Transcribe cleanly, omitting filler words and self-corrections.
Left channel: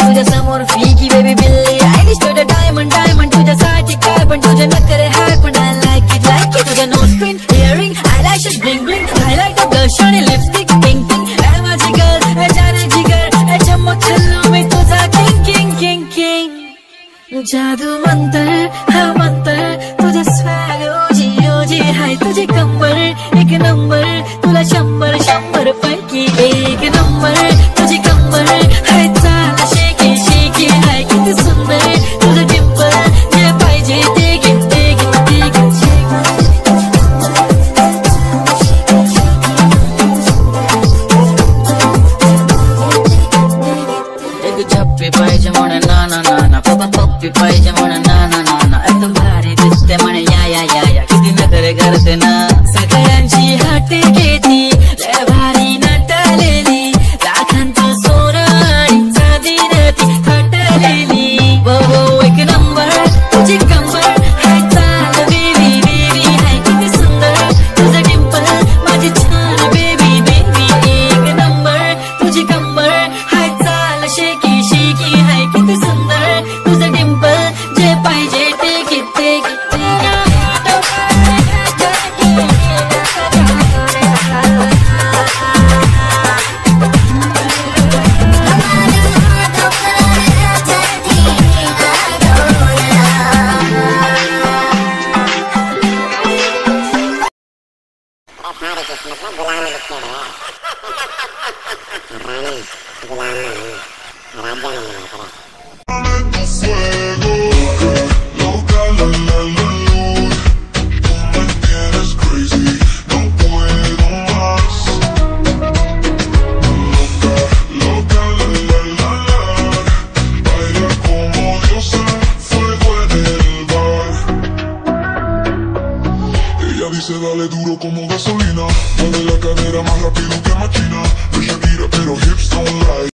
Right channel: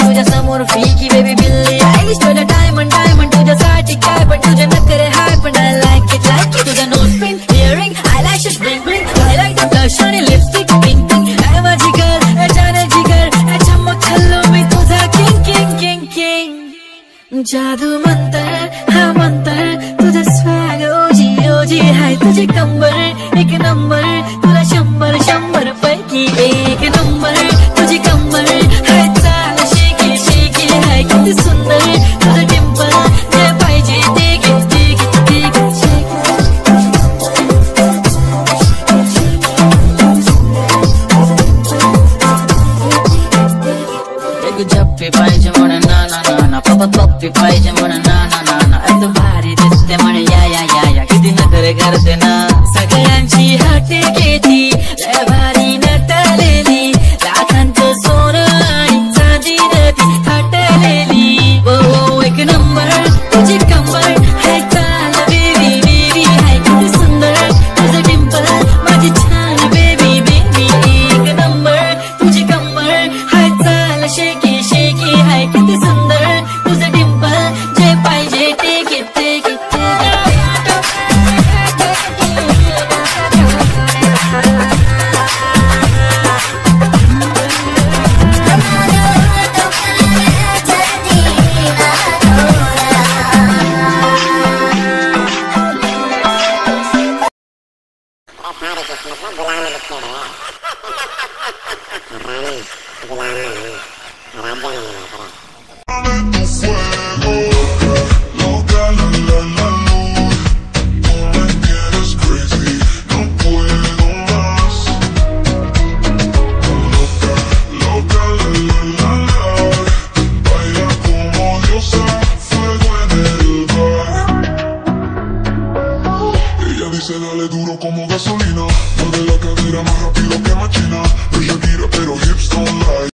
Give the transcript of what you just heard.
तुझ्या समोर फिकी बेबी बिल्ली आयलिश तुझ्या डायमंड डायमंड तुझ्यासाठी काय पण तुझ्या नखरे हाय पण I like it तुझ्या nose pin earring eyelashes bling bling I like the blush आणि लिपस्टिक पिंक पिंक ऐ माझी गर्ल ऐ जाना जिगर ऐ चमक चल्लो मी तुझा किंग किंग किंग किंग जादू मंतर हा मंतर तुझा स्वॅग ओजी ओजी हाय तुझी कंबर एक नंबर तुला 100 पैकी एक नंबर तुझी कंबर हाय चाल शेकी शेकी हाय किती सुंदर तुझं डिंपल जे पाहिजे ते घे ते घे ते घे एक झप्पी पाहिजे म्हणे ना ना ना ना बाबा पप्पी पाहिजे म्हणे ना ना ना ना आता भारी दिसते म्हणे या या या या किती नखरे करते ना सगळ्यांची हाते घेती लय भारी नटलेली लाखांचं सोनं आणि चांदी नाती थटलेली वो वो एक नंबर तुझी कंबर हाय चाल बेबी बेबी हाय किती सुंदर तुझं डिंपल माझी छान बेबी बेबी एक नंबर तुझी कंबर हाय चाल शेकी शेकी हाय किती सुंदर तुझं डिंपल जे पाहिजे ते घेते सारे किस्मत में गुलाम लिखे हुए रानी गुलाम नहीं राजा नहीं मिला करा Dice dale duro como gasolina, mueve la cadera más rápido que machina, ella gira pero hips don't lie.